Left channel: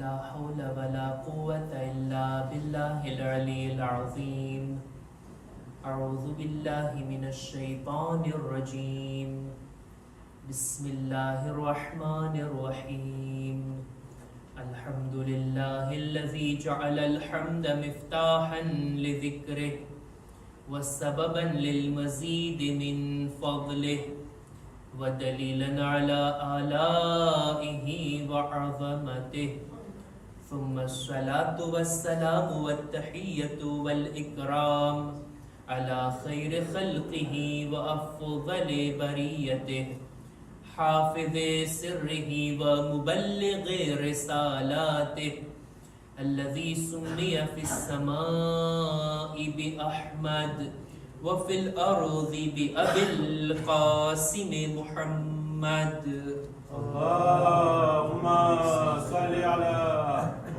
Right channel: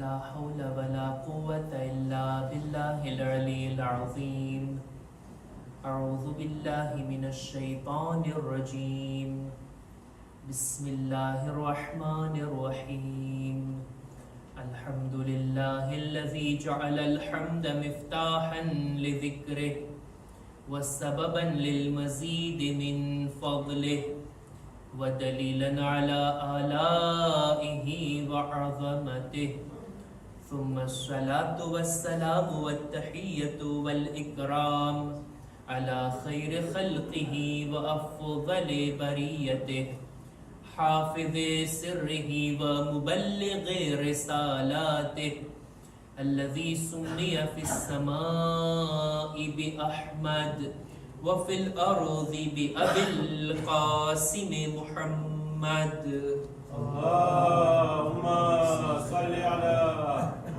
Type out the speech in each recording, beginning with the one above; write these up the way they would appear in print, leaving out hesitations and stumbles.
لا حول ولا قوة إلا بالله العلي العظيم. أعوذ بالله من الشيطان الرجيم. بسم الله الرحمن الرحيم. الحمد لله الذي جعل الحمد مفتاحا لذكره وسببا للمزيد من فضله ودليلا على آلائه وعظمته. ثم الصلاة والسلام والتحية والإكرام على خير خلقه وأفضل بريته حافظ سره ومبلغ رسالاته الذي سمي في السماء بأحمد وفي الأرض بأبي القاسم محمد. اللهم صل على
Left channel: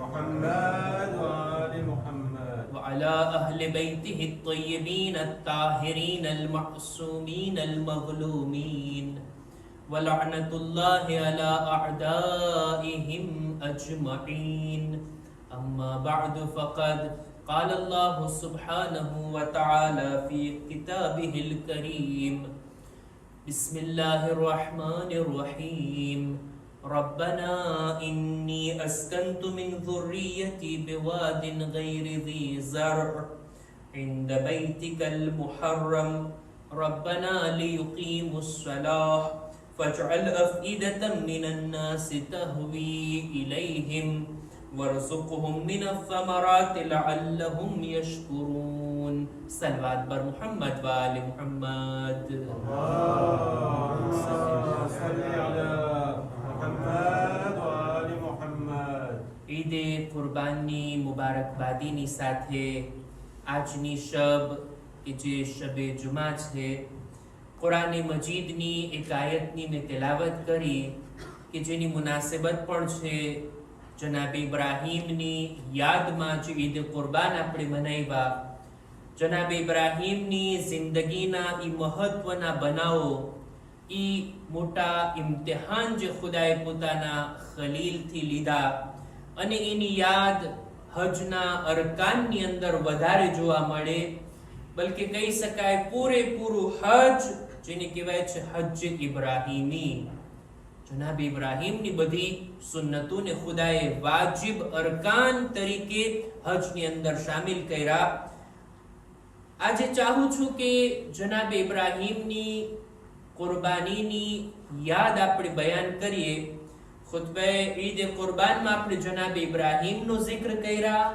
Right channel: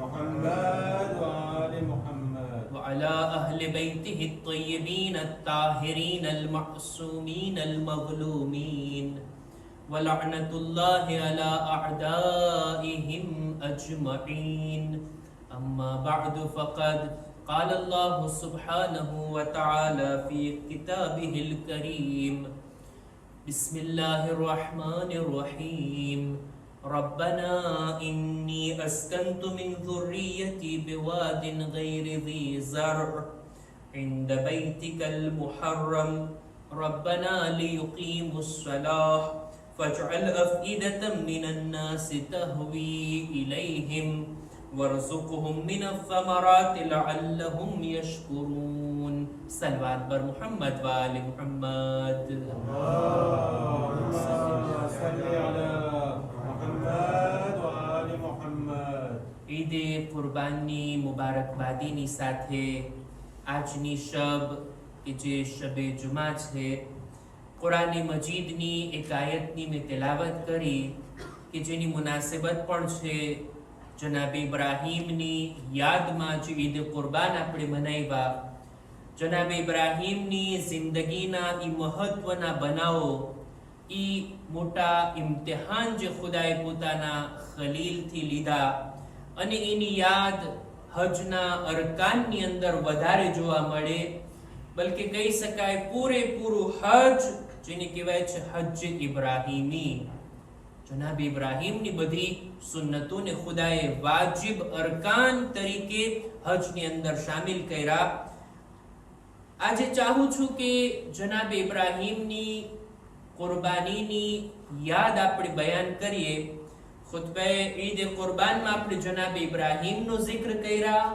محمد وآل محمد وعلى أهل بيته الطيبين الطاهرين المعصومين المظلومين ولعنة الله على أعدائهم أجمعين. أما بعد فقد قال الله سبحانه وتعالى في كتابه الكريم: بسم الله الرحمن الرحيم. ربنا إني أسكنت من ذريتي بواد غير ذي زرع عند بيتك المحرم ربنا ليقيموا الصلاة فاجعل أفئدة من الناس تهوي إليهم وارزقهم من الثمرات لعلهم يشكرون. صلوات بر محمد وآل محمد. اللهم صل على محمد وآل محمد. ઈદ કુરબાનની મુબારકબાદીની સાથે આજની શબ કે જે શબે જુમા છે, કુરાન મજીદની એક આયતની મેં તેલાવત કરી કે જેની મુનાસબત પણ છે જનાબ ઇબ્રાહીમની યાદમાં જે ઈદ કુરબાન આપણે મનાવ્યા. જનાબ ઇબ્રાહીમની જિંદગીના ઈ મહત્વના બનાવો, ઈ મોટા ઇમ્તિહાન જે ખુદાએ પોતાના ખલીલથી લીધા અને એની યાદ હજના અરકાનની અંદર વધારે જોવા મળે. બલકે કહી શકાય પૂરેપૂરું હજ જેને કહેવાય છે હજ ઇબ્રાહીમી. જનાબ ઇબ્રાહીમની બધી સુન્નતોને ખુદાએ વાજિબ અરકાન તરીકે હજની અંદર શામિલ કર્યા. આજે ચાહું છું કે જનાબ ઇબ્રાહીમની કુરબાનીની યાદ આપણે બયાન કરીએ. ખુતબા ઈદ કુરબાનમાં આપણે જનાબ ઇબ્રાહીમનો જિક્ર કર્યા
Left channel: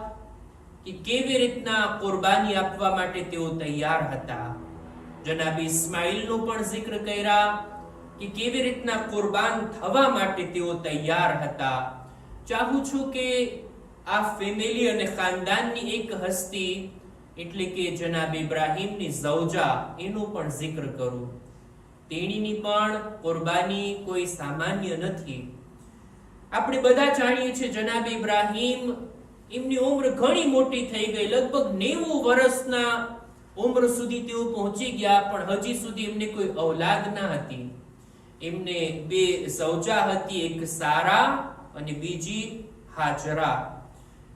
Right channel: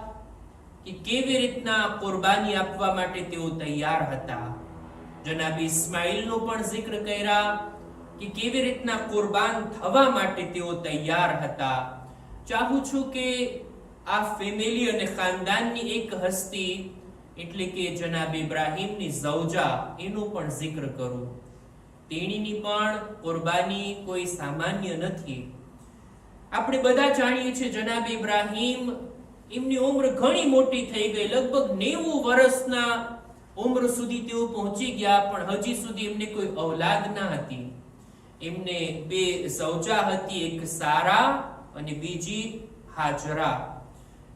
કે કેવી રીતના કુરબાની આપવા માટે તેઓ તૈયાર હતા. જનાબ ઇસ્માઈલનો પણ જિક્ર કર્યા કે કેવી રીતના કુરબાન થવા માટે તેઓ તૈયાર હતા. ચાહું છું કે આ ફેમિલી અને ખાનદાનની એક હસ્તી એટલે કે જનાબ ઇબ્રાહીમની ઝૌજા એનો પણ જિક્ર કરું. તેણીની પણ કુરબાની કોઈ સામાન્ય નથી. આપણે બધા જાણીએ છીએ જનાબ ઇબ્રાહીમ એમની ઉંમર ઘણી મોટી થઈ ગઈ, લગભગ 90 વર્ષના ઉંમર સુધી તેઓ પહોંચી ગયા, પણ હજી સુધી એમને કોઈ ઔલાદ ના હતી. એમને બે ઝૌજા હતી, એક સારા અને બીજી હાજરા.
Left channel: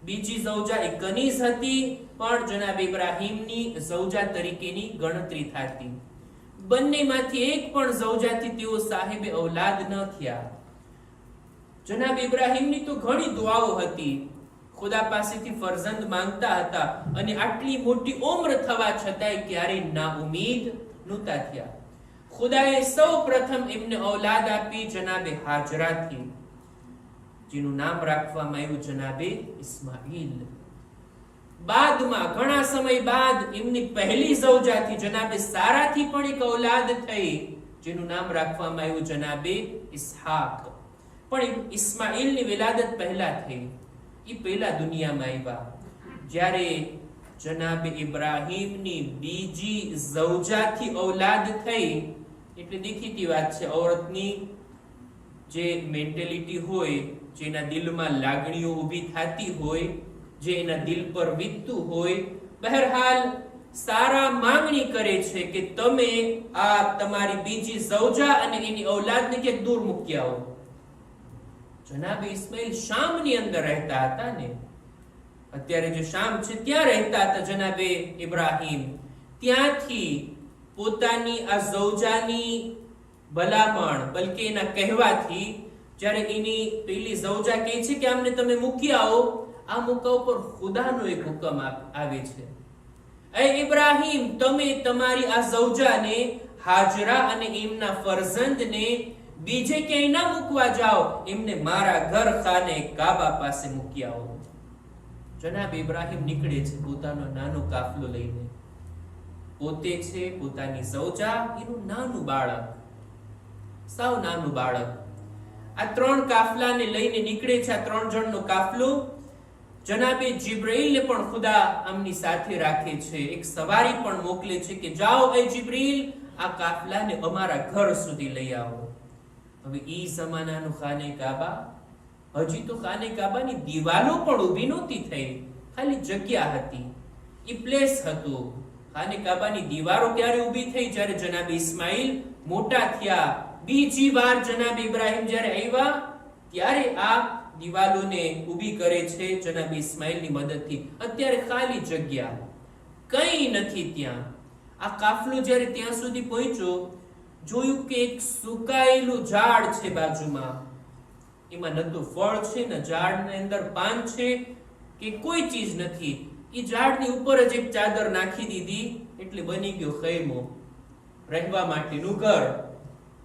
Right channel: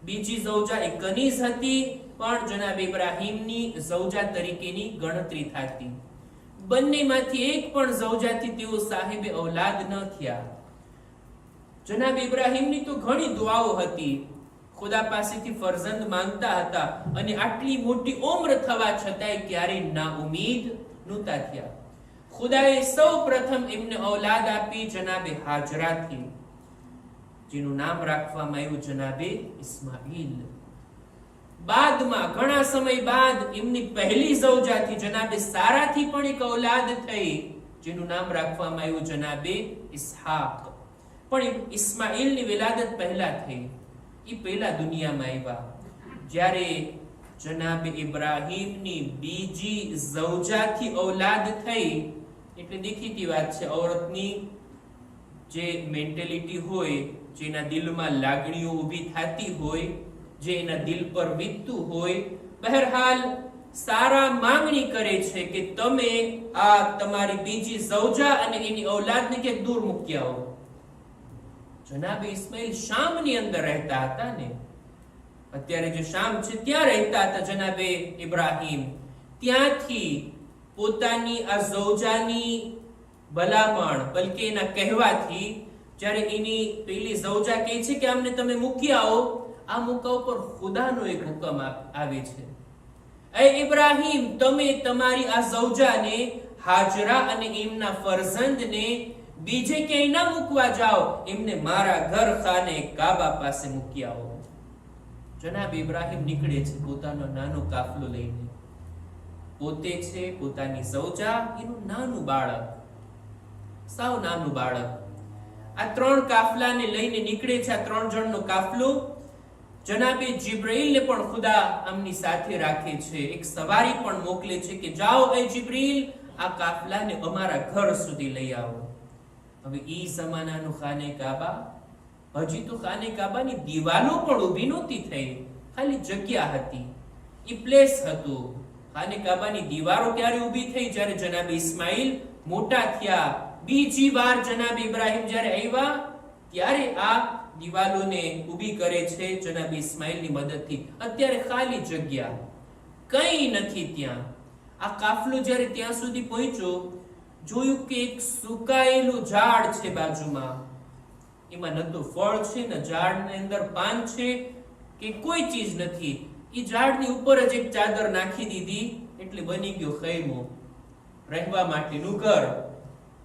બીજી ઝૌજા એક કનીઝ હતી, પણ જનાબ ઇબ્રાહીમની ઝૌજા તરીકેની ગણતરી થતી. બંનેમાંથી એક પણ ઝૌજાથી તેઓ સાહેબે ઔલાદ ન થયા. જનાબ ઇબ્રાહીમની તો ઘણી દુઆઓ હતી, ખુદા પાસેથી ફરજંદ માંગતા હતા અને આટલી મોટી ઉંમર થવા છતાંય ક્યારેય નાઉમીદ નહોતા થયા. ખુદાએ સૌ પ્રથમ એમને ઔલાદ આપી જનાબે હાજરાથી, જેનું નામ રાખવામાં આવ્યું જનાબે ઇસ્માઈલ. બાદમાં ઘણા સમય બાદ એમની પહેલી ઝૌજાથી જનાબે સારાથી પણ એક ઔલાદ થઈ, જેનું નામ રાખવામાં આવ્યું જનાબે ઇસ્હાક. પણ ઇસ્માઈલની વિલાદત પહેલા થઈ, એ પહેલા દુનિયામાં આવ્યા. જ્યારે જનાબ ઇબ્રાહીમની બીજી ઝૌજાથી ઔલાદ થઈ, એટલે દેખીતી વાત છે, ઔરતની જે મેન્ટેલિટી હોય, જેના દિલમાં લાગણીઓ ઊભી થતી હોય, જે એના દિલ પર વીતતું હોય, બહરહાલ સારા માંગણી કરે છે કે તમે આ તમારી બીજી ઝૌજા અને એની ઔલાદને કે દૂર મૂકી આવો. જનાબે ઇસ્માઇલ શામની અંદર રહેતા હતા ને, અત્યારે જે શામ છે ત્યાં રહેતા હતા જનાબે ઇબ્રાહીમ. ત્યાંથી પોતાની આ ઝૌજાની ભલામણ, બલકે એના કહેવાથી, જ્યારે એની પેલી ઝૌજા કહે છે કે આમને તમે મૂકી આવો, આ મૂકા ઉપર ખુદાનો એક હુકમ આવે છે, એ ઇબ્રાહીમ તમે તમારી આ ઝૌજાને હાજરા અને એમના ફરઝંદને બીજે ક્યાંય ના મૂકવા જાઓ, એમને મારા ઘર ખાને કાબા પાસે મૂકી આવો. જનાબ ઇબ્રાહીમ નીકળે છે પોતાનો નાનો કાફલો લઈને. પોતે છે, પોતાની ઝૌજા, એનું નાનું બાળક, સાવ નાનું બાળક. આ 3 કાફલાને લઈને નીકળે છે. આ 3 જણનો કાફલો. જનાબે જિબ્રીલને પણ ખુદા આમની સાથે રાખે છે. એક સવારી પણ મોકલે છે કે જાઓ એ જિબ્રીલ, આ કાફલાને અમારા ઘર સુધી લઈ આવો. હવે ઈ જમાનાનું ખાને કાબા, હજી તો ખાને કાબાની દિવાલો પણ ઊભી નહોતી થઈ, ખાલી જગ્યા હતી, ઈ પ્લેસ હતું. ખાને કાબાની દીવારો ક્યારે ઊભી થઈ? જ્યારે જનાબ ઇસ્માઇલ મોટા થયા. બીજી વાર જનાબ ઇબ્રાહીમ જ્યારે આવ્યા ત્યારે આ દિવાલોને ઊભી કરે છે જનાબ ઇસ્માઇલની મદદથી. અત્યારે ખાલી જગ્યા, કંઈ નથી ત્યાં. આ કાફલો જ્યારે ત્યાં સુધી પહોંચ્યો, જોયું કે એક સુકાયેલું ઝાડ છે બાજુમાં. એમાં ન તો ફળ છે, ન ઝાડની અંદર પાન છે કે કોઈ ચીજ નથી. એ ઝાડની ઉપર જ એક ચાદર નાખી દીધી એટલે બની ગયો ખૈમો, રહેવા માટેનું ઘર.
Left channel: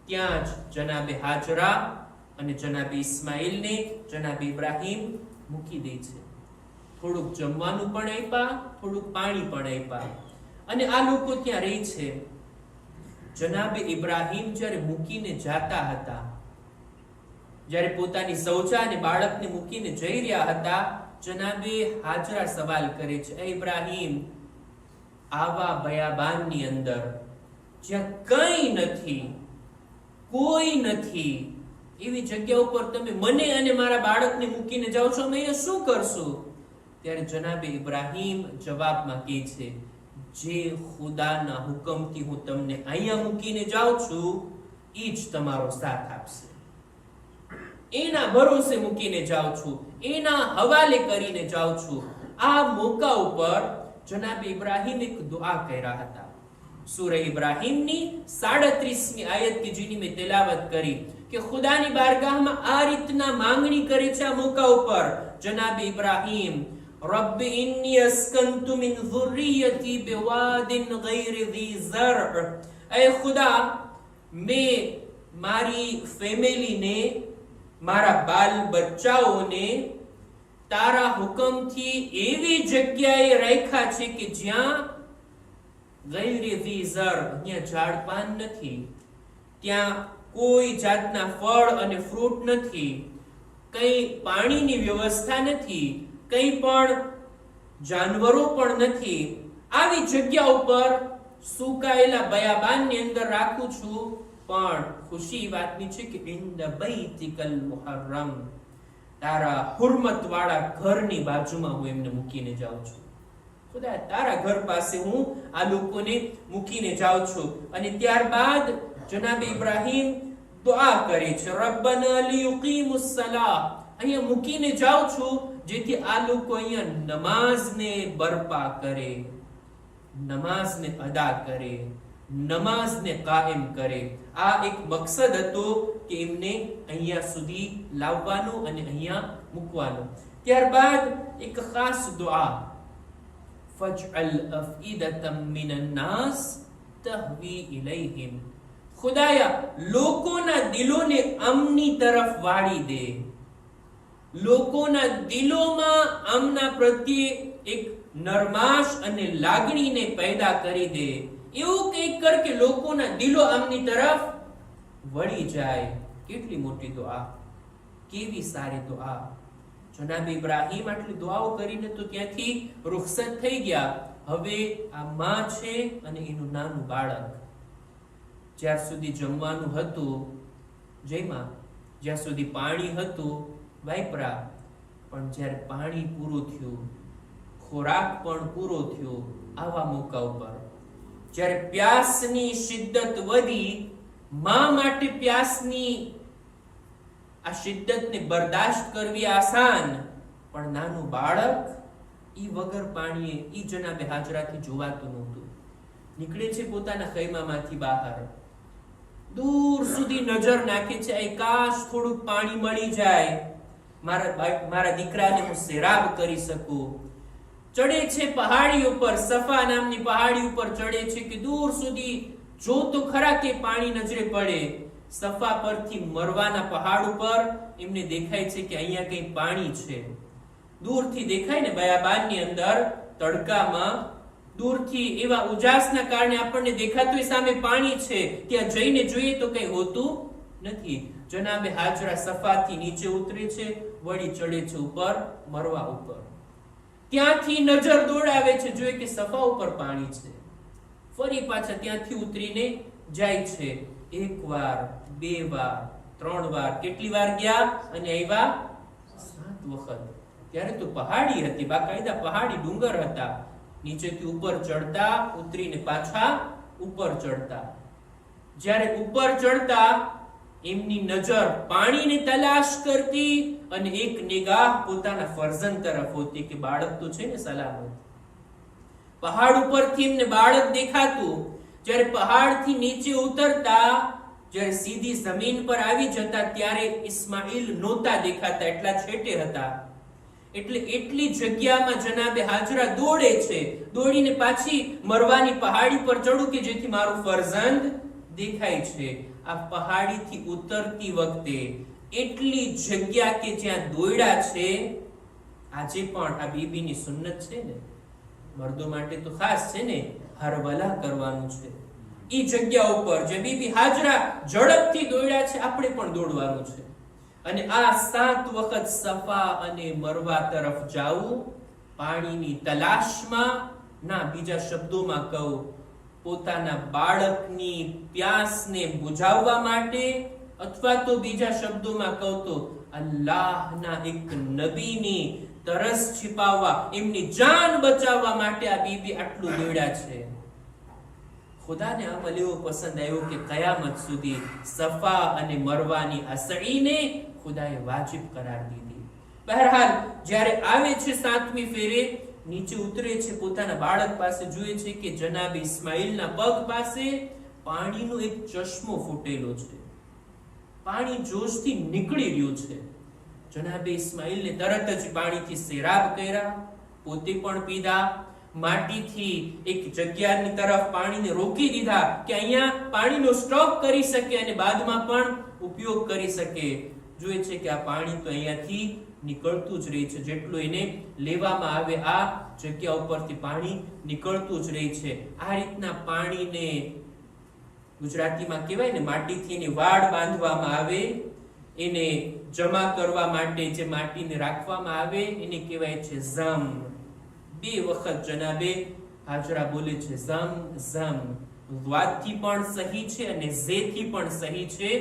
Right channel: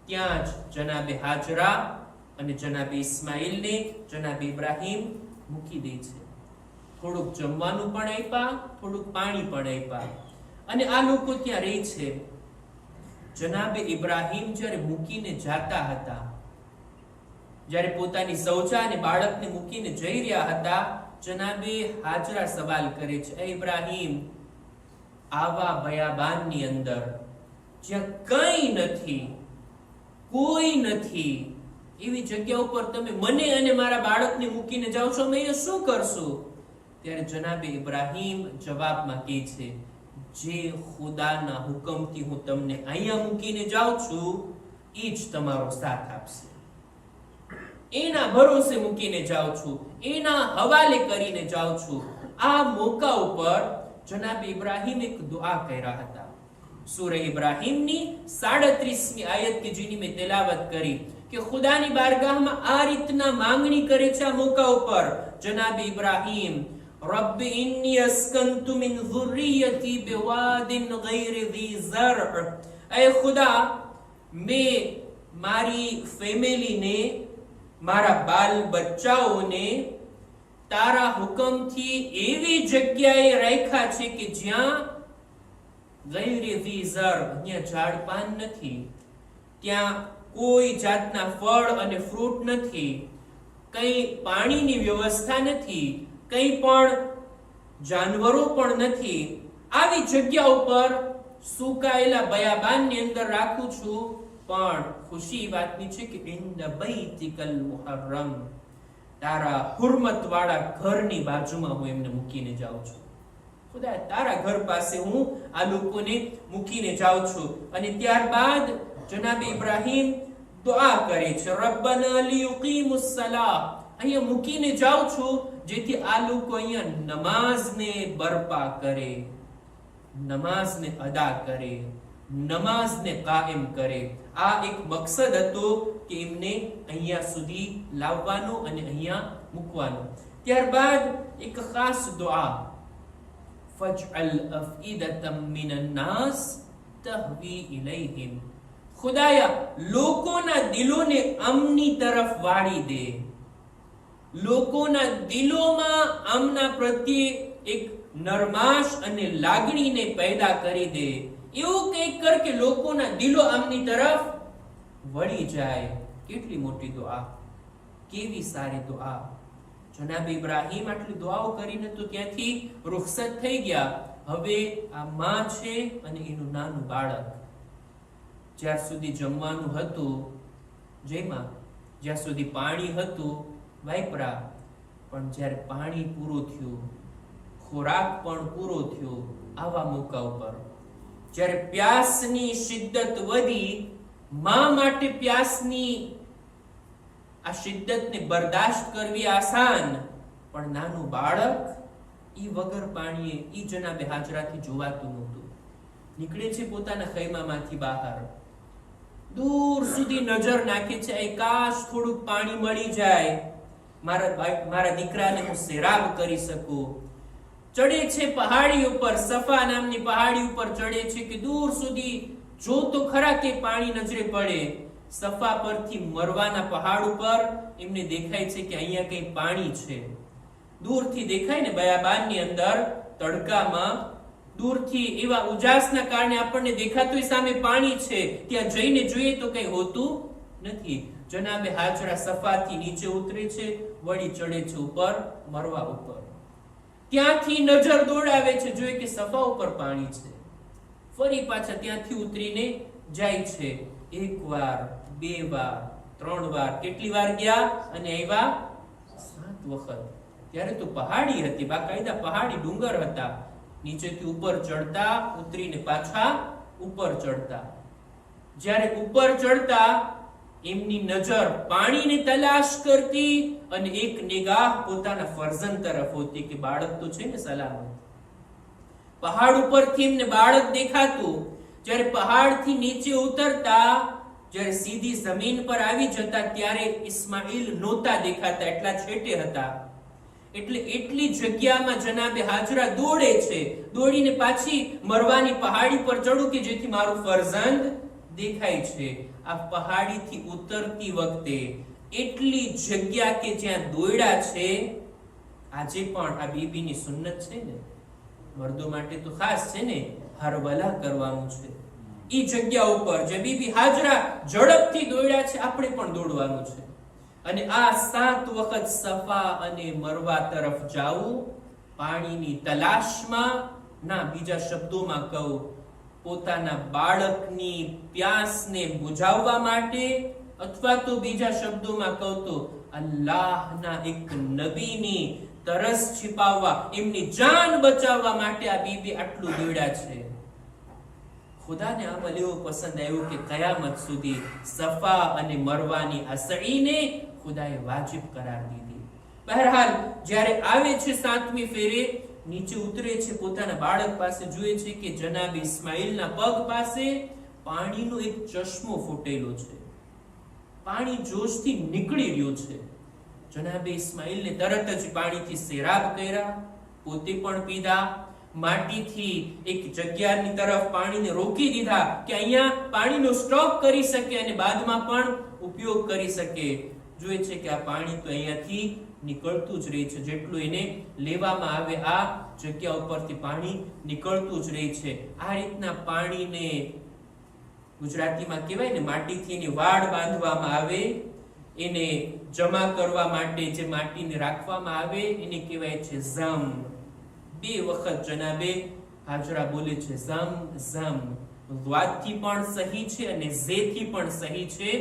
ત્યાં જ જનાબે હાજરા અને જનાબે ઇસ્માઇલને જનાબે ઇબ્રાહીમ મૂકી દે છે. થોડુંક જમવાનું પણ આપ્યા, થોડુંક પાણી પણ આપ્યા, અને આ લોકો ત્યાં રહે છે. જનાબે ઇબ્રાહીમ જ્યારે મૂકીને જાતા હતા, જ્યારે પોતાની ઝૌજા અને બાળકને મૂકીને જઈ રહ્યા હતા, જનાબે હાજરા સવાલ કરે છે, એ ઇબ્રાહીમ, આવા બયાબાનની અંદર જ્યાં કંઈ નથી, કોઈ નથી, એવી જગ્યા ઉપર તમે મને અને મારા બાળકને મૂકીને જાઓ છો, અમે અહીંયા શું કરશું? ત્યારે જનાબે ઇબ્રાહીમ જવાબમાં કહે છે, જે ખુદાના હુકમથી હું તમને અહીંયા મૂકીને જાઉં છું, એ જ તમારો સાથ આપશે. એના ભરોસે મૂકીને જાઉં છું, એના હવાલે કરીને જાઉં છું. આ મોકા ઉપર જનાબ ઇબ્રાહીમ એક દુઆ કર્યા હતા. સૂરે ઇબ્રાહીમની 37મી આયત કે જેની મેં તેલાવત કરી કે ખુદાની બારગાહમાં આ રીતના માંગણી કરે છે. આ મોકા ઉપર જનાબ ઇબ્રાહીમ, રબ્બ ઇન્ની અસ્કન્તુ મિન ઝુર્રિયતી બિવાદિન ગૈર ઝી ઝર, એ ખુદા, મેં મારી ફેમિલીને, મારા બાલ બચ્ચાઓને તારા હુકમથી એવી જગ્યાએ રાખ્યા છે કે જ્યાં ગૈર ઝી ઝર, અહીંયા ઝાડ પાન નથી, ત્યાં કોઈ જાતના ફળ અને ફ્રૂટ નથી, કઈ પાણીની વ્યવસ્થા નથી, કઈ પણ જાનવરો પણ નથી. આવી જગ્યા ઉપર સુકાયેલા બયાબાનની અંદર રાખું છું. પણ ખુશી વાતની છે કે ઇન્દ બૈતિકલ મુહર્રમ, તારા હુરમત વાળા ઘરની બાજુમાં હું એમને મૂકીને જાઉં છું. ખુદા, તારા ઘર પાસે હું આ લોકોને મૂકીને જાઉં છું. અને ત્યારબાદ જનાબ ઇબ્રાહીમ દુઆ કરે છે, રબ્બના લિયુકીમુસ સલાહ, અહીંયા મૂકીને જાઉં છું જેથી આ લોકો અહીંયા નમાઝને બરપા કરે, નમાઝને અદા કરે, નમાઝને કાયમ કરે. આ એક મકસદ હતો કે એમને અહીંયા સુધી લાવવાનો અને અહીંયા મૂકવાનો. ત્યારબાદ એક ખાસ દુઆ, ફજઅલ અફઈદતમ મિનન નાસ તહવી ઇલૈહિમ, ખુદાયા લોકોના દિલોને અમની તરફ વાળી દે, લોકોના દિલોમાં આમના પ્રત્યે એક નરમાશ અને લાગણીને પેદા કરી દે. એવું કંઈક કર કે લોકોના દિલો આમની તરફ વળી જાય. કેટલી મોટી દુઆ, કેવી સારી દુઆ. જનાબ ઇબ્રાહીમ આટલી દુઆઓ કરીને તો ત્યાંથી રૂખસત થઈ ગયા. હવે આ માં છે અને એનું નાનું બાળક. જ્યાં સુધી જમવાનું હતું જેમાં, જ્યાં સુધી પાણી હતું વાપરા, પણ જ્યારે પાણી પૂરું થયું, ખોરાક પણ પૂરો થયો, આવા મોકા ઉપર જ્યારે પ્યાસની શિદ્દત વધી, માં માટે પ્યાસની આ શિદ્દતને બરદાશ્ત કરવી આસાન, પણ નાનું બાળક ઈ વગર પાણીએ ઈ જનાબે હાજરાથી જોવાતું નહોતું. નીકળે છે પોતાના ખૈમામાંથી બહાર, દૂર સુધી નજર નાખે છે, એ કાશ થોડુંક પાણી મળી જાય, મારા દીકરાને હું સેરાબ કરી શકું. ચડે છે પહાડી ઉપર, સફા નામની પહાડી ઉપર ચડે છે કે દૂર સુધી જો તો ખરા કે પાણી નજરે પડે. સફા પરથી મરવાના પહાડ ઉપર એમને દેખાય છે કે અહીંયા કઈ પાણી છે. દૂરથી દેખાય ને, બયાબાનની અંદર તડકામાં દૂરથી એવા ઉજાસના કારણે આપણને દેખાતું સામે પાણી છે, ત્યાં જઈને જોઈએ તો કઈ હોતું નથી. જનાબે હાજરા સફાથી નીચે ઉતરે છે, વળી ચડે છે ઉપર મરવા ઉપર. ત્યાંથી નજર દોડાવે છે, જોઈએ કે સફા ઉપર પાણી છે. ફરી પાછા ત્યાંથી ઉતરીને જાય છે. એક વાર, બે વાર, ત્રણ વાર, કેટલી વાર ગયા અને આવ્યા? 7 વખત. ત્યારે તો પહાડી હતી, બાકાયદા પહાડી ડુંગર હતા. નીચેથી ઉપર ચડતા, ઉતરીને પાછા ઉપર ચડતા. જ્યારે ઉપર ચડતા એમની નજર પાણીની તલાશ કરતી અને એક નિગાહ પોતાના ફરજંદ તરફ હોતી કે બાળક તો છે ને સલામત. પહાડ ઉપરથી એમને બાળક દેખાતું. જ્યારે પહાડથી નીચે ઉતરતા, જ્યારે સીધી જમીન પર આવી જતા, ત્યારે ઇસ્માઈલ નહોતા દેખાતા, એટલા છેટે હતા. એટલે એટલી જગ્યામાં જનાબે હાજરા દોડે છે, દોડીને પાછી મરવાની પહાડી પર ચડું કે જેથી મારું ફરજંદ દેખાય છે. આ પહાડીથી ઉતરતી વખતે એટલી જગ્યા કે જ્યાં દોડ્યા છે. આજે પણ આ બીબીની સુન્નત છે ને, મર્દો માટે તો ખાસ છે ને, હરવલા કરવાનું છે. ઈ જગ્યા ઉપર જે બીબી હાજરા ઝડપથી દોડ્યા છે, આપણે પણ દોડવાનું છે. અને આ 7 વખત સફા અને મરવા તરફ જાવું પાણીની તલાશમાં, ના બીજા શબ્દોમાં કહું, પોતાના બાળકની પ્યાસને બુઝાવવા માટે, અથવા તો બીજા શબ્દોમાં કહું તો અલ્લાહના એક નબીની તરસ છિપાવવા, એમની જાન બચાવવા માટે આ બીબી આટલું દોડ્યા છે. ખુદાને અમલ એવો પસંદ આવ્યો કે કયામત સુધી સફા અને મરવાની આ સળીને ખુદાએ વાજિબ કરાર દીધી. બહરહાલ જ્યારે આવે છે 7મી ફેરે, નીચે ઉતરે છે, પોતાના બાળક પાસે જુએ છે કે જનાબ ઇસ્માઈલના પગ પાસે પાણીનો એક ચશ્મો ફૂટેલો છે. પાણી જોશથી નીકળી રહ્યું છે. જનાબે ઇસ્માઈલને તરત જ પાણીથી સેરાબ કર્યા, પોતે પણ પીધા. માટીથી એક જગ્યાની તરફ પાણીને રોકી દીધા કે અહીંયા પાણીનો સ્ટોક કરી શકે અને બાદમાં પણ ઉપયોગ કરી શકે. જોઈએ છે કે આ પાણી તો અહીંયાથી નીકળતું જ રહે છે, જેટલું એને લેવામાં આવે આ જગ્યા ઉપરથી પાણી નીકળતું જ રહે છે. આ રીતના પાણીને ગુજરાતીમાં કહેવાય ને, માટીથી એની વાડ બાંધવામાં આવે, એને જમા કરવા માટે જે માટીને રાખવામાં આવે એને કહેવાય છે ઝમ. 2 વખત જનાબે હાજરા બોલે છે ઝમ ઝમ. વાદથી પણ સહી છે અને ઝેથી પણ સહી છે,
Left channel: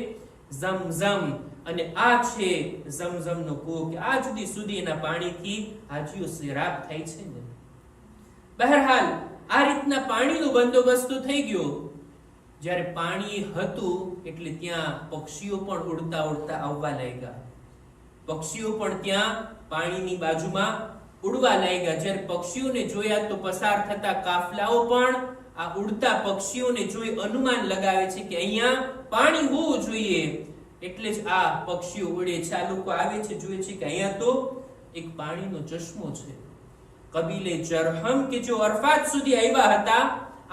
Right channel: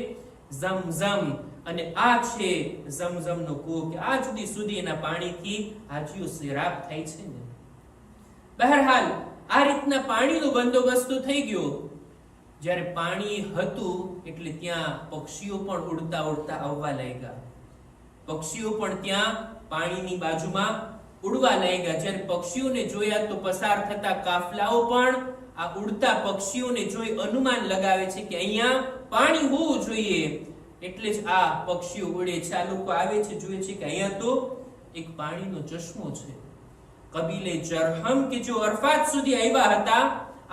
ઝમ ઝમ. અને આ છે ઝમઝમનો કૂવો કે આજ સુધી એના પાણીથી હાજીઓ સેરાબ થાય છે ને. બહરહાલ આ રીતના પાણીનો બંદોબસ્ત થઈ ગયો. જ્યારે પાણી હતું એટલે ત્યાં પક્ષીઓ પણ ઉડતા ઉડતા આવવા લાગ્યા. પક્ષીઓ પણ ત્યાં પાણીની બાજુમાં ઉડવા લાગ્યા. જ્યારે પક્ષીઓને જોયા તો પસાર થતા કાફલાઓ પણ આ ઉડતા પક્ષીઓને જોઈ અનુમાન લગાવે છે કે અહીંયા પાણી હોવું જોઈએ, એટલે જ આ પક્ષીઓ ઉડે છે. આ લોકો આવે છે, જુએ છે કે અહીંયા તો એક પાણીનો ચશ્મો છે. કબીલે જરહમ કે જો અરફાત સુધી આવ્યા હતા,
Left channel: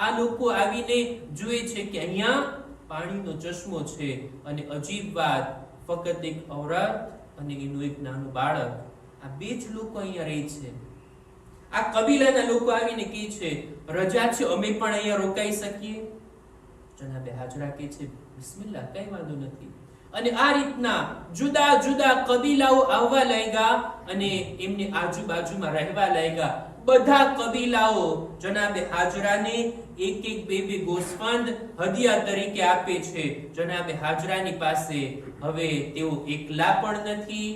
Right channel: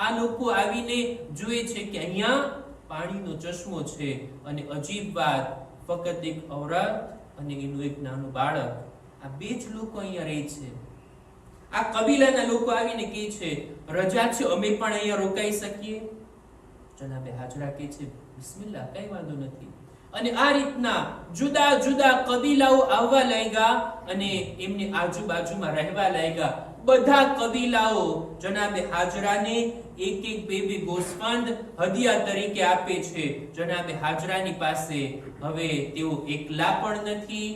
આ લોકો આવીને જુએ છે કે અહીંયા પાણીનો ચશ્મો છે. અને અજીબ વાત, ફક્ત એક ઔરત અને એનું એક નાનું બાળક, આ 2 જ લોકો અહીંયા રહે છે. આ કબીલાના લોકો આવીને કહે છે રજા છે, અમે પણ અહીંયા રોકાઈ શકીએ? જનાબે હાજરા કહે છે બિસ્મિલ્લાહ, કઈ વાંધો નથી. અને આ રીતના જુદા જુદા કબીલાઓ આવવા લાગ્યા અને એમની આજુબાજુમાં રહેવા લાગ્યા. બધા કબીલાઓ જનાબે હાજરાને 1-2 ગોસ્ફંદ હદિયા તરીકે આપે છે. જનાબે હાજરાની પાસે હવે તેઓ એકલા પણ નથી,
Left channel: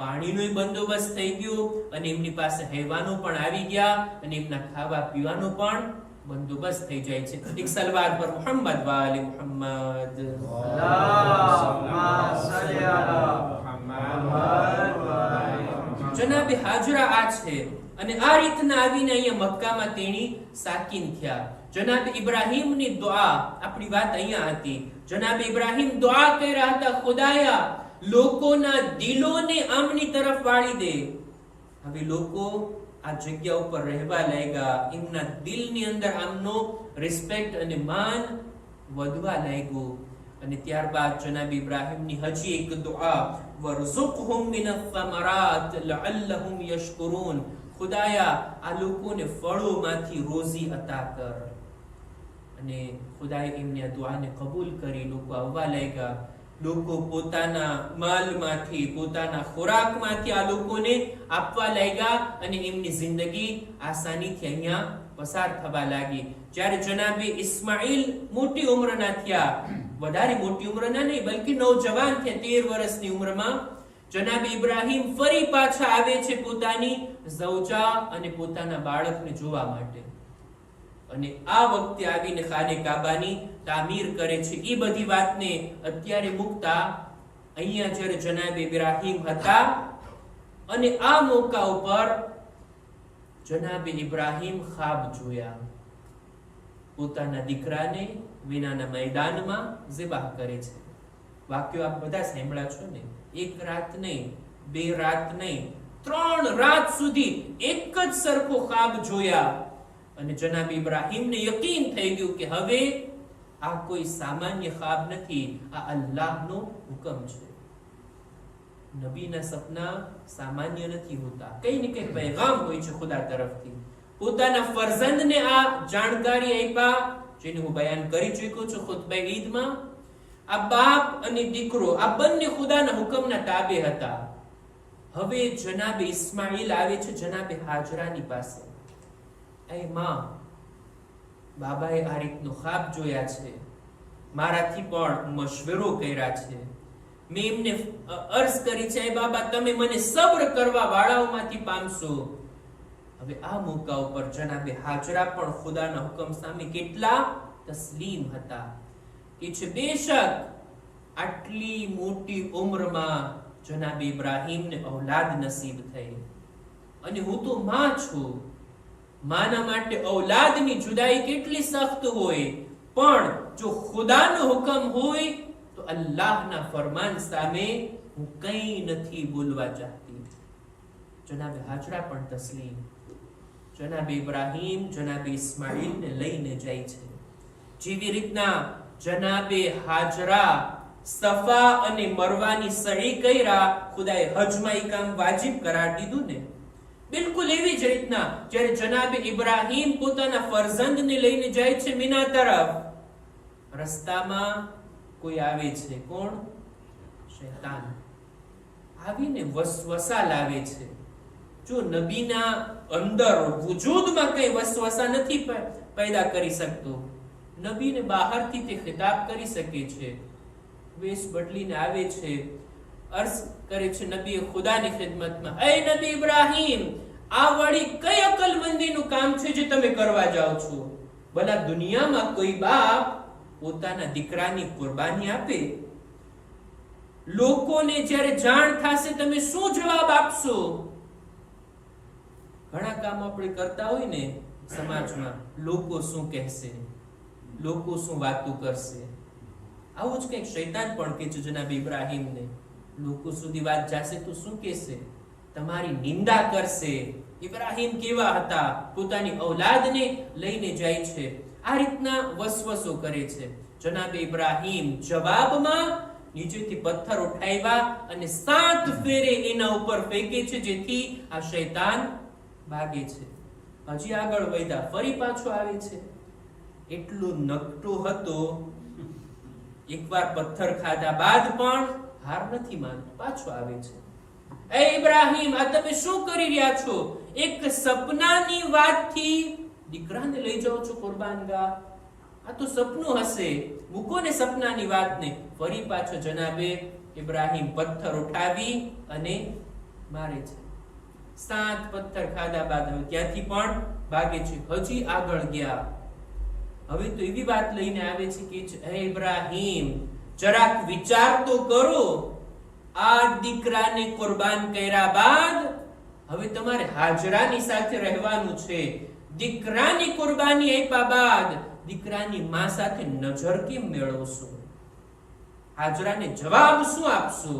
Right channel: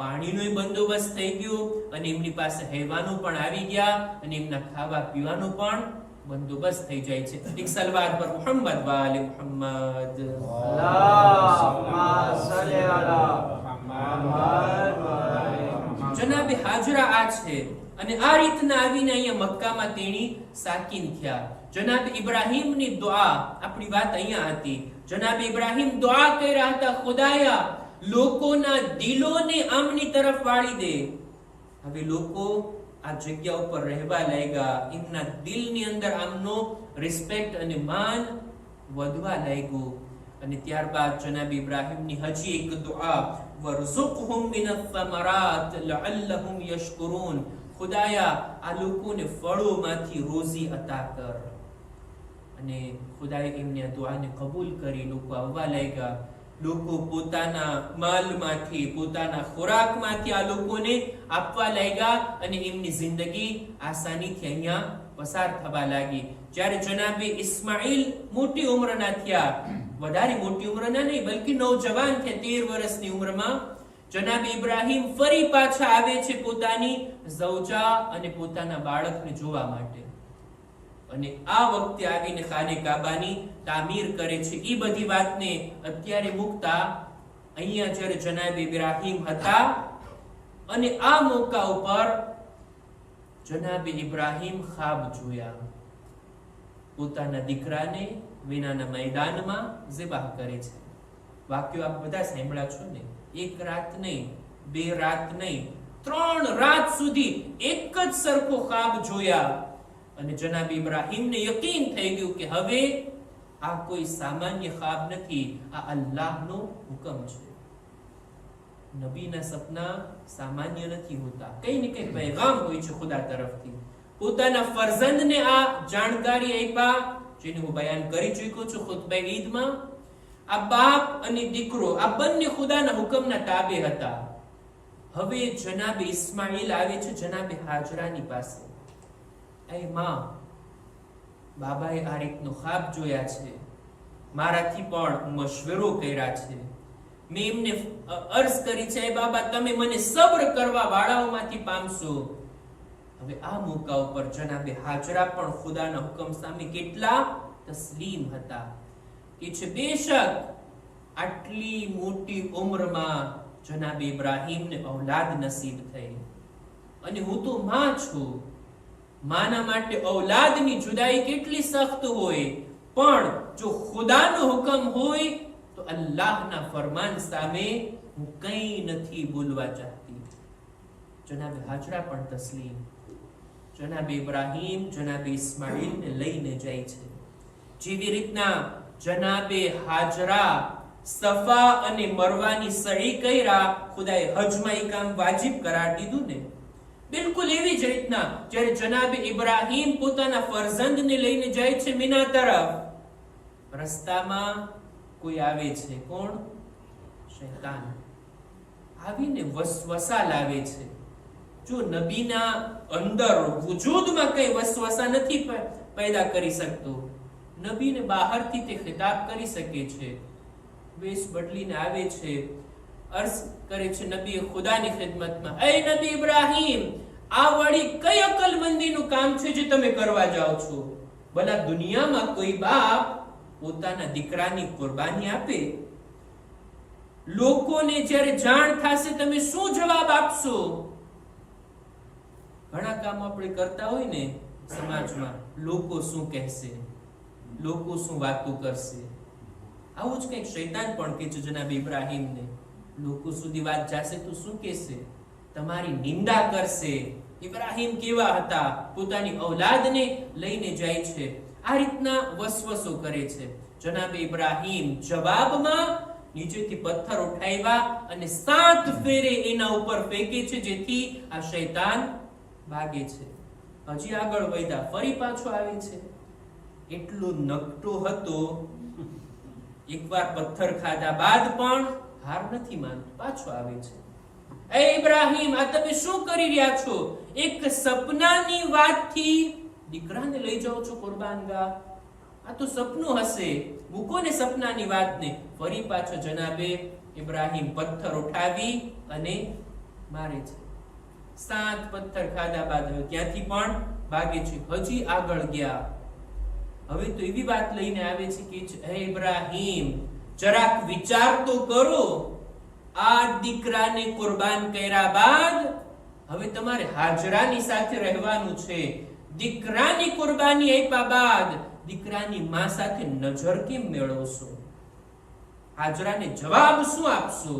પાણીનો બંદોબસ્ત થઈ ગયો અને એમની પાસે હેવાનો પણ આવી ગયા અને એમના ખાવા પીવાનો પણ બંદોબસ્ત થઈ જાય છે. એક સલવાત પર મુહમ્મદ વાલે મુહમ્મદ, અલ્લાહુમ્મા સલ્લી અલા જનાબે હાજરા આ છે અને આ રીતના આવીને અહીંયા મક્કામાં તેણી સાકીન થયા. જનાબે ઇબ્રાહીમની દુઆ, આપણી વાત અહીંયા હતી. જનાબે ઇબ્રાહીમ દુઆ કર્યા હતા, ખુદાયા લોકોના દિલોને આમની તરફ વાળી દે. હવે લોકો આ જગ્યા ઉપર રહેવા લાગ્યા, એમના દિલની અંદર આમનો રિસ્પેક્ટ અને માન વધવા લાગ્યું. અને ત્યારબાદ જનાબ ઇબ્રાહીમની હજી એક દુઆ, વરઝુકહુમ મિનથ થમરાત લઅલ્લહુમ યશકુરૂન, ખુદાયા આ લોકોને ફળોમાંથી રોઝી અતા કર. અને ખુદાએ એમની આ દુઆને કબૂલ કરી. લોકો આવવા લાગ્યા, લોકો પોતાના માલમાંથી, પોતાના ખોરાકમાંથી આ લોકોને આપવા લાગ્યા અને એમની જિંદગી આસાનીથી અહીંયા પસાર થવા લાગી. જ્યારે જનાબે ઇસ્માઈલ મોટી ઉંમરના થયા, વધારે મોટી ઉંમરના નહીં બલ્કિ નૌજવાન થયા, 13 વર્ષની ઉંમરમાં જનાબે ઇબ્રાહીમ ફરી પાછા આવે છે પોતાની ઝૌજા અને પોતાના બાળકને જોવા માટે. અને આ વખતે આવીને ખાને કાબાની તામીર કરે છે. એ બધી વાતને અત્યારે મૂકતા અહીંયા જ્યારે જનાબે ઇબ્રાહીમ હતા અને આ મોકા ઉપર જનાબે ઇબ્રાહીમ ખ્વાબ જોયા. પોતાના દીકરાને વિનાના મેદાનમાં ઝિબાહ કરે છે. વાક્યો આપ બધા સાંભળ્યા છો ને? એક રાત નહીં, 2 રાત નહીં, 3 રાત સુધી એક જ સરખો ખ્વાબ જોયા. અને જનાબ ઇબ્રાહીમને યકીન થઈ ગયું કે હવે આ કોઈ સામાન્ય ખ્વાબ નથી, આ અલ્લાહનો હુકમ છે. નબીના સપના સામાન્ય નથી હોતા, કઈ ને કઈ પૈગામ હોય છે ખુદા તરફથી. પોતાના ફરઝંદને આ જાણકારી આપ્યા, જેને હું બયાન કરી ચૂક્યો છું ખુતબા ઈદમાં. આ બાપ અને દીકરો આ બંને ખુદાના હુકમના તાબે હતા. હવે જનાબે ઇસ્માઈલ આવે છે જનાબે હાજરાની પાસે. એ માં, બાબાએ આ રીતનો ખ્વાબ જોયા છે, મારાથી પણ મશવરો કર્યા છે, મેં એમને અર્જ કરી છે, બાબા તમે મને સબ્ર કરવા વાળાઓમાંથી પામશો. હવે આ મોકા ઉપર જનાબે હાજરા પણ ખુદાના હુકમ સામે કેટલા તસ્લીમ હતા. કે છે બેશક આટલી મોટી ઉંમરમાં જનાબે ઇબ્રાહીમને ઔલાદ નસીબ થઈ અને હું તો માં છું. માના માટે ઔલાદની જુદાઈ કેટલી સખ્ત હોય, પણ જો ખુદાનો હુકમ હોય તો અલ્લાહના ફરમાન સામે હું કંઈ નથી બોલવા ચાહતી. જનાબે હાજરા પણ તસ્લીમ. જનાબે ઇબ્રાહીમ જનાબે ઇસ્માઈલને લઈને જાય છે. જેવી રીતના જનાબે હાજરા સફા અને મરવાની સહી કર્યા, ખુદાએ હજમાં એ કામ વાજિબ કરાર દીધું ને, બિલકુલ એવી જ રીતના જ્યારે જનાબે ઇબ્રાહીમ પોતાના ફરઝંદને લઈને જાય છે મીના તરફ, રસ્તામાં કોઈ આવે છે. કોણ? શૈતાન આવીને વસવસા લાવે છે. જો નબીના અંદર વજૂદમાં કઈ વસવસા નથી પેદા કરી શકતો, નબીને બહારથી તે ખિતાબ કરી શકે છે. વેશ બદલીને આવે છે, અર્જ કરે છે નબી ખુદાની ખિદમતમાં, એ નબી ઇબ્રાહીમ, આ વળી કઈ અકલમંદીનું કામ છે જે તમે કરવા જાઓ છો? ભલા દુનિયામાં કોઈ બાપ પોતાના દીકરાની કુરબાની આપે? લોકોને જ્યારે જાણ થશે તમે શું જવાબ આપશો? ઘણા કામ આપણે કરતા હોય ને સમાજમાં, લોકો શું કહેશે, લોકો શું વાતો કરશે, આવું જ કંઈક શૈતાન પણ કહે છે જનાબ ઇબ્રાહીમને. લોકો સુધી વાત જશે તો શું કહેશે? તમારી નિંદા કરશે. ઇબ્રાહીમ કેવા હતા, પોતાની ઔલાદને લઈને જાય છે, આ રીતના વસવસો કરે છે. જનાબે ઇબ્રાહીમ જવાબમાં નીચેથી પથ્થર ઉઠાવ્યા અને 7 ફેરે એના ઉપર ફેંકે છે, જેથી આ શૈતાન ભાગે છે. હજી આગળ વધ્યા, ફરી પાછો આવે છે. એટલો નકટો હતો, એકવાર પથ્થર ખાધા બાદ પણ હાર નથી માનતો, પાછો આવે છે. એ ઇબ્રાહીમ, આ તમે શું કરી રહ્યા છો? એક સપનાની વાતથી દીકરાને લઈ જાઓ છો કુરબાનગાહ? આ તો સપનું હશે, મૂકો ને સપનાની વાતને. ફરી પાછો જનાબે ઇબ્રાહીમ પથ્થર ઉઠાવી અને મારે છે. 7 પથ્થર ખાધા બાદ હવે ત્યાંથી પણ ભાગે છે. હજી આગળ ગયા, હવે તો એવી વાત લઈને આવે છે કે હે ઇબ્રાહીમ, જરાક વિચાર તો કરો, આ દીકરાને કુરબાન કર્યા બાદ હવે તમારે હાજરાની સાથે રહેવાનું છે. દીકરાની કુરબાની આપ્યા બાદ દીકરાની માં સાથે નજર કેમ મેળવશો? હાજરાને જવાબ શું આપશો?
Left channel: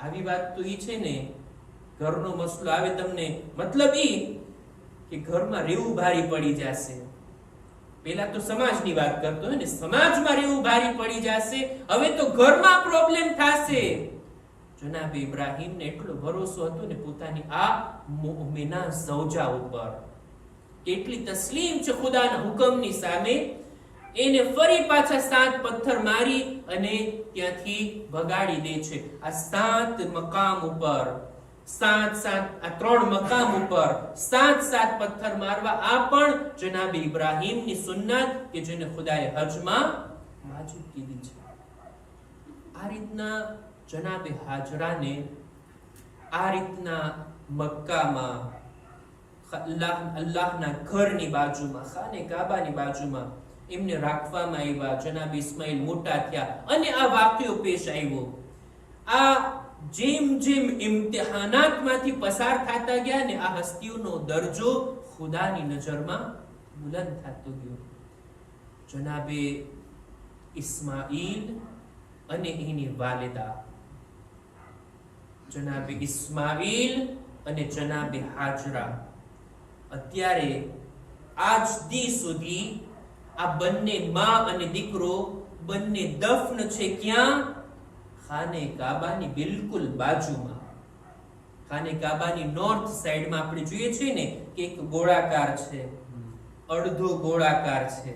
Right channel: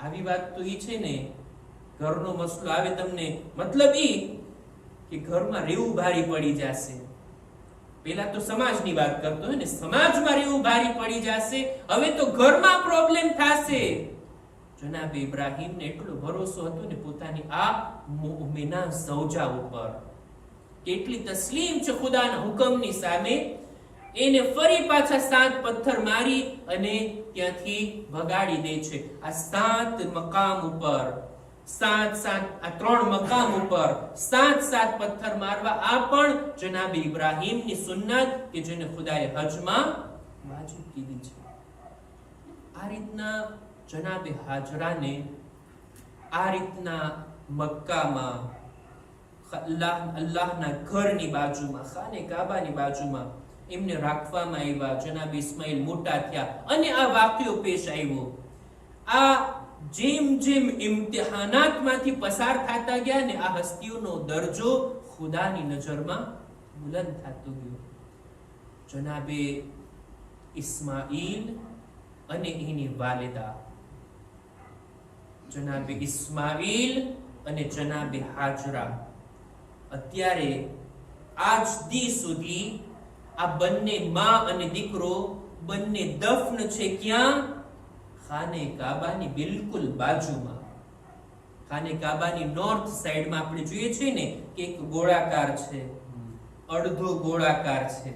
આવી વાત તો ઈ છે ને, ઘરનો મસલો આવે તમને, મતલબ ઈ કે ઘરમાં રહેવું ભારી પડી જશે. પેલા તો સમાજની વાત કરતો હોય ને, સમાજમાં રહેવું ભારી પડી જશે, હવે તો ઘરમાં પ્રોબ્લેમ થશે. જનાબ ઇબ્રાહીમને એટલો ભરોસો હતો ને પોતાની આ મુમિના ઝૌજા ઉપર, કેટલી તસ્લીમ છે ખુદાના હુકમની સામે. એને ફરી પાછા 7 પથ્થર મારી અને ત્યાંથી ભગાડી દે છે. આ 7 મકામ ઉપર, 3 મકામ ઉપર 7 પથ્થર મારવા, આ પણ જનાબ ઇબ્રાહીમની સુન્નત કે જેને ખુદાએ હજમાં વાજિબ કીધી છે. આ રીતના જનાબે હાજરાને આ રીતના મક્કામાં અલ્લાહના ઘરની બાજુમાં, ખાને કાબાની બાજુમાં એમને રાખવામાં આવ્યા. જનાબ ઇસ્માઇલ મોટા થયા અને આ વાક્યો પેશ આવ્યો. આ જેમ જેમ ઇમ્તિહાનાતમાંથી પસાર થતા ગયા ને, આ હસ્તીઓનો દરજ્જો ખુદાની નજરમાં બુલંદ થતો ગયો. જનાબે ઇસ્માઇલ અને એની વાલિદા, જનાબે ઇસ્માઇલ અને જનાબે હાજરા, અત્યારે આજ દી સુધી આ બંને માં અને દીકરો બંને દફન છે. ક્યાં? ખાને કાબાની બિલકુલ બાજુમાં. ખાને કાબાની નોર્થ સાઈડમાં આપણે જોઈએ છીએ ને કે એક ગોળાકાર છે, અડધો ગોળાકાર છે.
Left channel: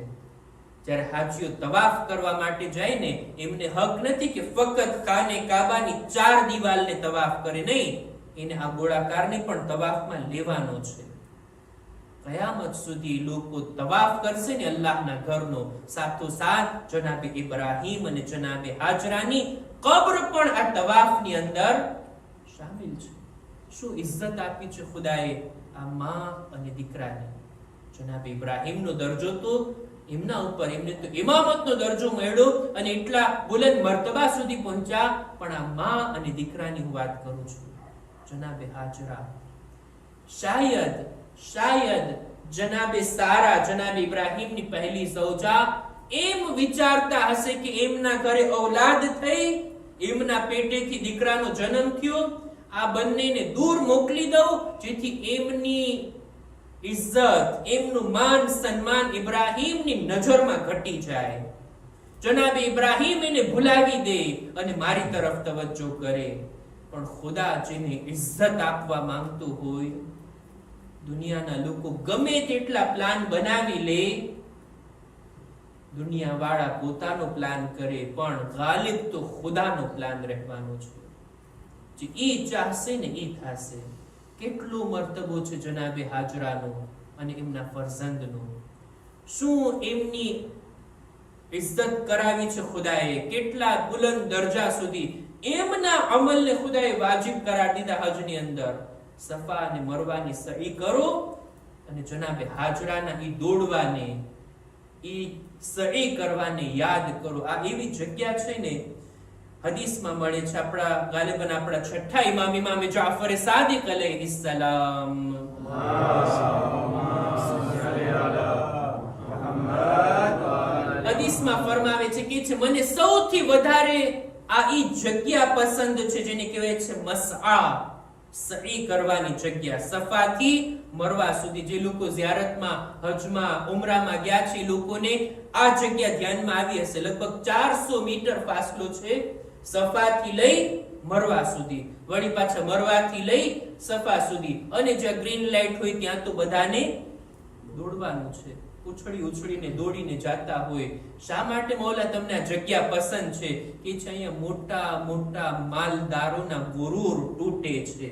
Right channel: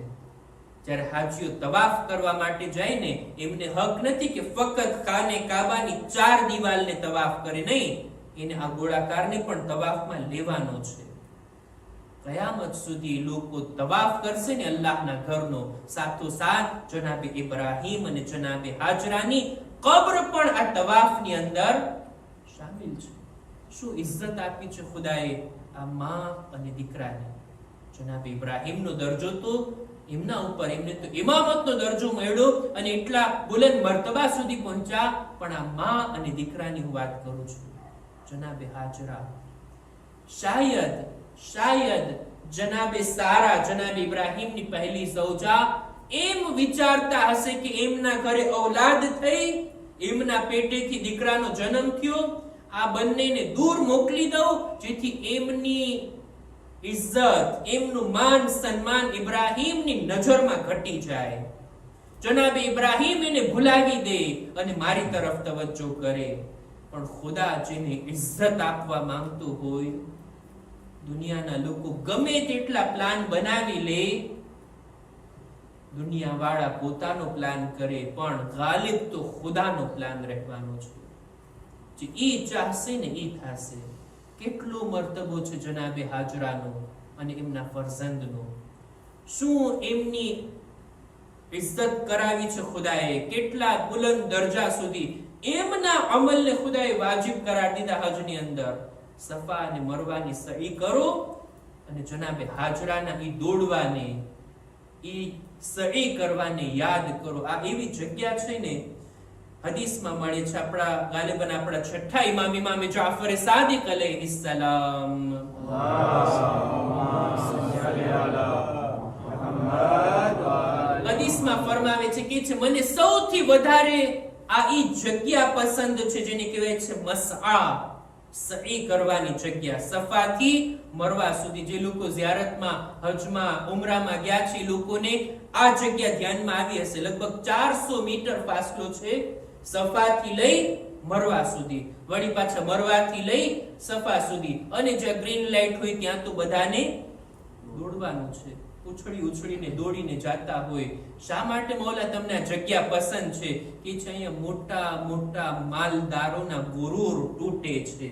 જ્યારે હાજીઓ તવાફ કરવા માટે જાય ને, એમને હક નથી કે ફક્ત ખાને કાબાની 4 દિવાલને તવાફ કરે, નહીં, એને આ ગોળાકારને પણ તવાફમાં લેવાનો છે. કયામત સુધી લોકો તવાફ કરશે ને અલ્લાહના ઘરનો, સાથોસાથ જનાબે ઇબ્રાહીમ અને જનાબે હાજરાની કબ્ર પણ આ તવાફની અંદર શામિલ છે. શું ઇજ્જત આપી છે ખુદાએ આ માં અને દીકરાને! જનાબે ઇબ્રાહીમનો દરજ્જો તો એમના ઉપર, એમને તો ઇમામતનો દરજ્જો મળ્યો અને એટલા બુલંદ મર્તબા સુધી પહોંચ્યા. પણ આ માં અને દીકરાની હું વાત કરું છું. જનાબે હાજરા શાયદ જનાબે સારા, જનાબે ઇબ્રાહીમની પહેલી ઝૌજા, એમ વિચારતા હશે કે એમના ઘરે ઔલાદ થઈ, એમના પેટેથી દીકરાનો જન્મ થયો, આ બંનેને દૂર મોકલી દઉં જેથી એમની ઇજ્જત, એમનું માન સન્માન ઇબ્રાહીમની નજરમાં ઘટી જાય. જનાબે ઇબ્રાહીમ એને ભૂલાવી દે અને મારી તરફ તવજ્જો કરે. પણ ખુદા જેને ઇજ્જત આપવા માંગતો હોય, દુનિયાના લોકો ગમે તેટલા પ્લાન બનાવી લે, દુનિયાવાળા પોતાનો પ્લાન કરે, પણ ગાલિબ તો ખુદાનો પ્લાન રહેવાનો છે. જે ઈ ચાહશે ને ઈ થશે. કેટલો મર્તબો છે જનાબે હાજરાનો અને એમના ફરઝંદનો! શું એમની ઇજ્જત કરાવી છે ખુદાએ! કેટલા બુલંદ દરજા સુધી એમના અમલને ખુદાએ વાજિબ કરાર દીધા. હજની અંદર સફા અને મરવાની સહી કરો અને જનાબે હાજરાના ઈ દોડવાને, ઈ સહી કરવાને યાદ કરો. આ એવી જગ્યા છે ને, હદીસમાં મળે છે. આપણા ગાલિબન આપણા છઠ્ઠા ઇમામે જાફર સાદિક અલૈહિસ્સલામ હદીસમાં ફરમાવે છે કે મને સૌથી વધારે આ ઈ જગ્યા પસંદ છે જેને કહેવાય છે મસઆ, સહી કરવાની જગ્યા. સફાથી મરવા સુધી જે લોકો ઝિયારતમાં, હજમાં, ઉમરામાં ગયા છે, એ લોકોને આ જગ્યા ધ્યાનમાં આવી હશે. લગભગ 400 મીટર ફાસલો છે સફાથી લઈ મરવા સુધી, વળી પાછા મરવાથી લઈ સફા સુધી. અને જ્યાં ગ્રીન લાઈટ હોય ત્યાં તો બધાને દોડવાનું છે, ઉછળીને દોડીને જાતા હોય. શા માટે મૌલા તમને આ જગ્યા પસંદ છે? કે છે અહીંયા મોટા મોટા માલદારોના ગુરુર તૂટે છે.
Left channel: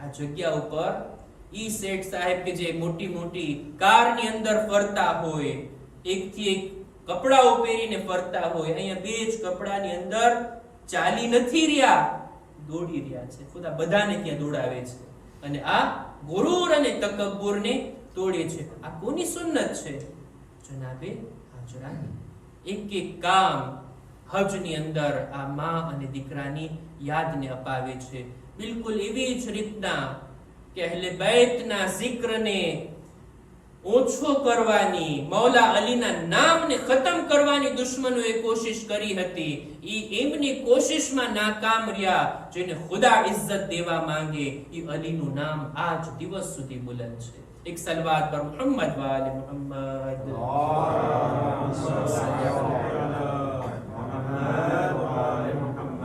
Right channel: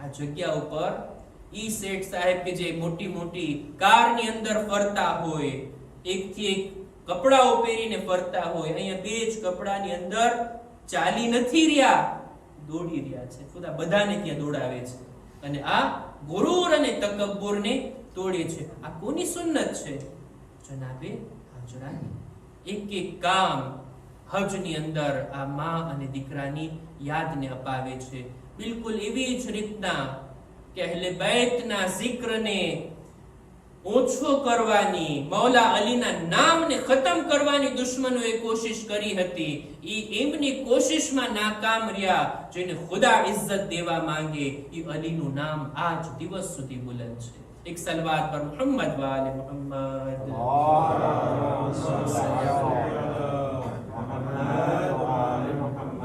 આ જગ્યા ઉપર ઈ શેઠ સાહેબ કે જે મોટી મોટી કારની અંદર ફરતા હોય, એકથી એક કપડાઓ પહેરીને ફરતા હોય, અહીંયા બે જ કપડાની અંદર ચાલી નથી રહ્યા, દોડી રહ્યા છે. ખુદા બધાને ત્યાં દોડાવે છે અને આ ગુરુર અને તકબ્બુરને તોડે છે. આ કોની સુન્નત છે? જનાબે હાજરાની. એક એક કામ હજની અંદર આ માં અને દીકરાની યાદને અપાવે છે. બિલકુલ એવી જ રીતના કે અહલે બૈતના જિક્રને ઓછો કરવાની, મૌલા અલીના નામને ખતમ કરવાની દુશ્મનોએ કોશિશ કરી હતી. ઈ એમની કોશિશમાં નાકામ રહ્યા. જેને ખુદા ઇજ્જત દેવા માંગે ઈ અલીનું નામ આજ દિવસ સુધી બુલંદ છે. એક સલવાત પર મુહમ્મદ વાલે મુહમ્મદ.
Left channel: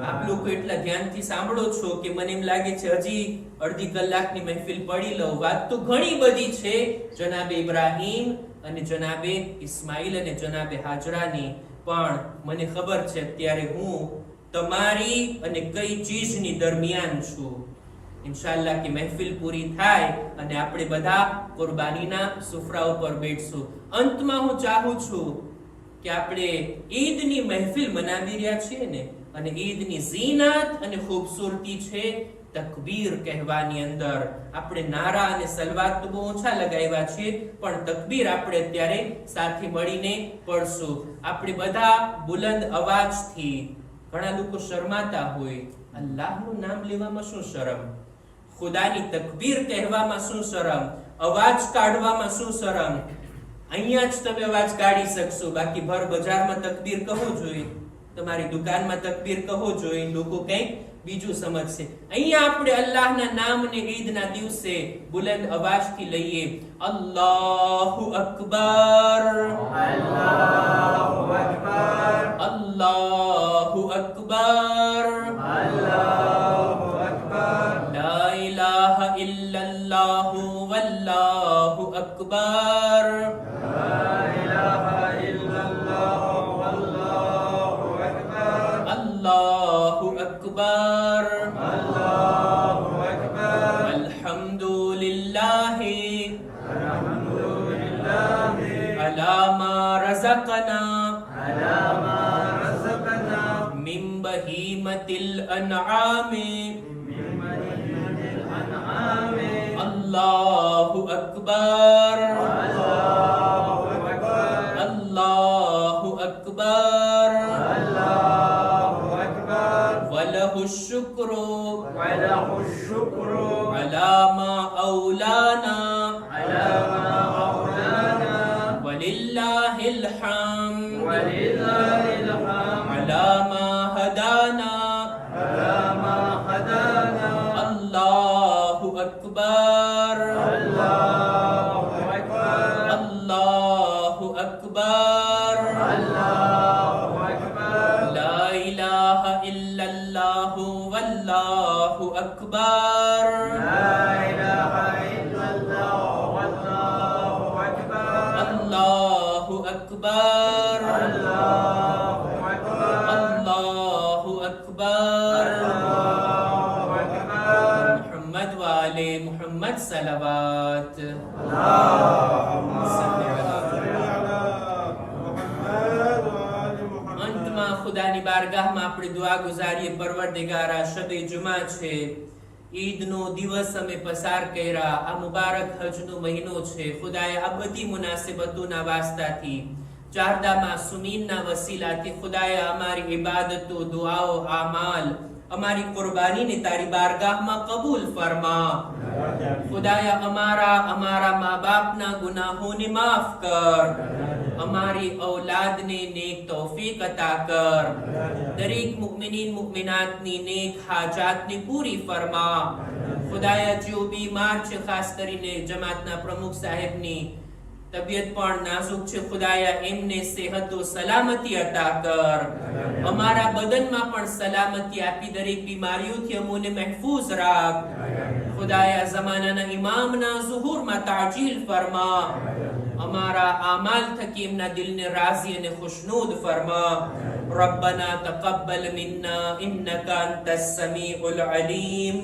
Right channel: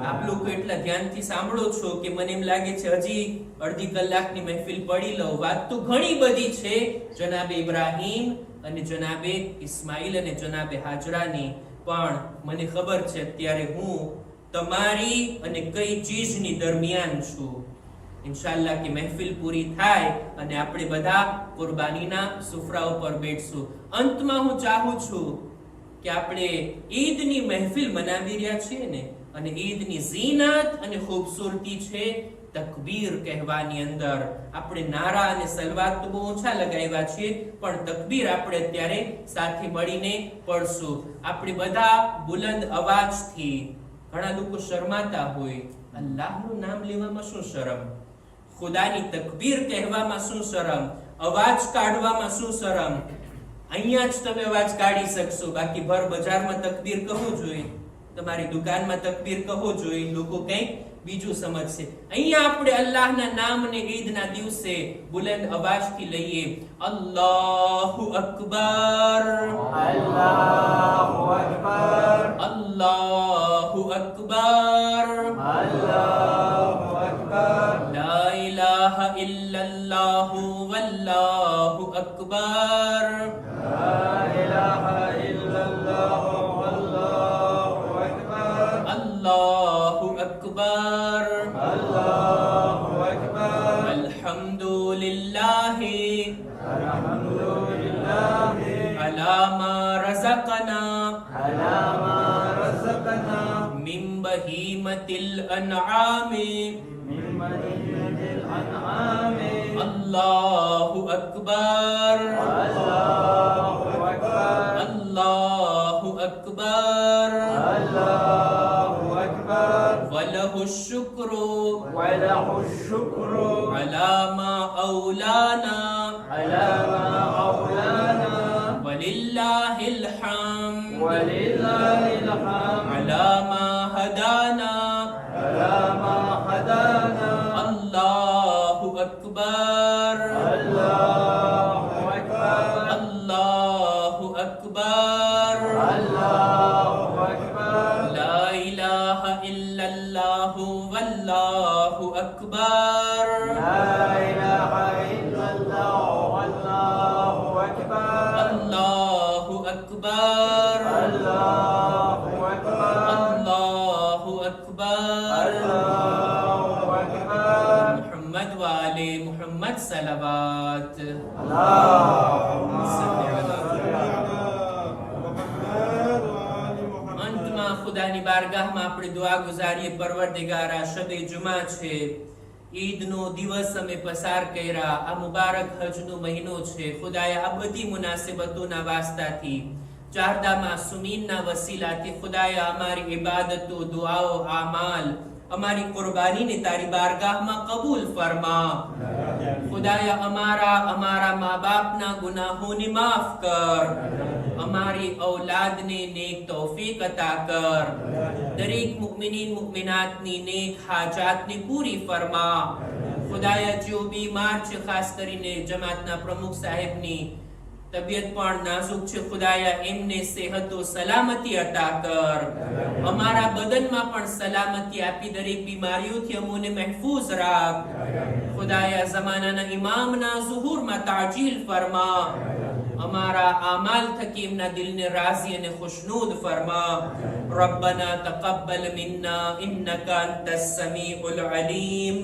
આપ લોકો એટલા ધ્યાનથી સાંભળો છો કે મને એમ લાગે છે હજી અડધી કલાકની મહેફિલ પડી લઉં. વાત તો ઘણી બધી છે જનાબે ઇબ્રાહીમ અને જનાબે ઇસ્માઈલ અને જનાબે હાજરાની, પણ મને ખબર છે અત્યારે હું તમારી અને કઈ ચીજની દરમિયાન છું. ઇન્શાઅલ્લાહ કે મહેફિલ પૂરી થાય અને આપણે બધા કુરબાનીના સુફરા ઉપર બેઠશું. અંતમાં હું ચાહું છું કે આપણે ઈદની મહેફિલ મનાવી રહ્યા છીએ ને, અને ઈદની ઝીનત અને ખૂબસૂરતી છે તકબીર કહેવાની અંદર. આપણે નારા અને સલવાત તો બહુ ઓછા લગાવ્યા છીએ, પણ તકબીર આપણે અત્યારે સાથે મળીને પડશું. આપણે બધા બુલંદ અવાજથી, ઘણા લોકો શરમાતા હોય, અલ્લાહનું નામ લેવામાં શું શરમ, ખુદાની તકબીર કહેવામાં શું શરમ, અવાજ કાઢવામાં શું શરમ. અહીંયા જ તમે અવાજ કાઢી શકશો, બાકી ભર બજારમાં તકબીર કહો જોઈએ, તમારી દુકાનમાં તકબીર કહો જોઈએ, લોકો કંઈક બીજું સમજશે. અહીંયા આપણે અલ્લાહના નામને ઈદના દિવસે બુલંદ અવાજથી લઈએ. અલ્લાહુ અકબર, અલ્લાહુ અકબર, અલ્લાહુ અકબર, અલ્લાહુ અકબર, લા ઇલાહા ઇલ્લલ્લાહ વલ્લાહુ અકબર, લા ઇલાહા ઇલ્લલ્લાહ વલ્લાહુ અકબર, અલ્લાહુ અકબર, અલ્લાહુ અકબર, અલ્હમ્દુલિલ્લાહ અલ્હમ્દુલિલ્લાહ અલા મા રઝકના અલા મા રઝકના મિન બહીમતિલ અનઆમી મિન બહીમતિલ અનઆમી. અલ્લાહુ અકબર, અલ્લાહુ અકબર, અલ્લાહુ અકબર, અલ્લાહુ અકબર, વલહુ શુક્રુ વલહુ શુક્રુ અલા મા ઔલાના અલા મા ઔલાના વલિલ્લાહિલ હમ્દ વલિલ્લાહિલ હમ્દ અલા મા હદાના. અલા મા હદાના. અલ્લાહુ અકબર, અલ્લાહુ અકબર, અલ્લાહુ અકબર, અલ્લાહુ અકબર, લા ઇલાહા ઇલ્લલ્લાહ વલ્લાહુ અકબર, લા ઇલાહા ઇલ્લલ્લાહ વલ્લાહુ અકબર, અલ્લાહુ અકબર, અલ્લાહુ અકબર, અલ્લાહુ અકબર. અલ્લાહુ અકબર. મુહમ્મદ વાલે મુહમ્મદ સલવાત. અલ્લાહુમ્મા સલ્લી અલા સલ્લી અલા મુહમ્મદ વ આલિ મુહમ્મદ. અંતમાં ખુદાની બારગાહમાં આપણે દુઆ ગુજારીએ. પરવરદિગાર, આ શબે જુમા છે, ઈદનો દિવસ અમે પસાર કર્યા, આ મુબારક હજનો મહિનો છે. ખુદાએ આ બધી મુનાસિબતોના વાસ્તાથી, ચારદા માસુમીનના વસીલાથી ખુદાએ અમારી ઇબાદતો, દુઆઓ, આમાલ, અમારી કુરબાનીને તારી બારગાહમાં કબૂલ ફરમા. ખુદાયા અમારા મા બાપના ગુનાહોને માફ કર, અમારી ઔલાદને નેક તૌફીક અતા કર, દરેક મુમિનીન મુમિનાતની નેક હાજાતને પૂરી ફરમા. ખુદાયા જેઓ બીમાર છે, ખાસ કરીને જમાતના પ્રમુખ સાહેબની તબિયત પણ નાજુક છે, ખુદાયા એમને સેહતો સલામતી અતા કર, અમારા બદનમાં પણ સલામતી આપી દરેક બીમારીઓથી અમોને મહેફૂઝ રાખ. ખુદાયા ઝમાનાના ઇમામના ઝુહુરમાં તાજીલ ફરમા, અમારા આમાલ થકી એમના દિલને રાઝી અને ખુશનૂદ ફરમા. રબ્બના તકબ્બલ મિન્ના ઇન્નકા અંતસ સમીઉલ અલીમ.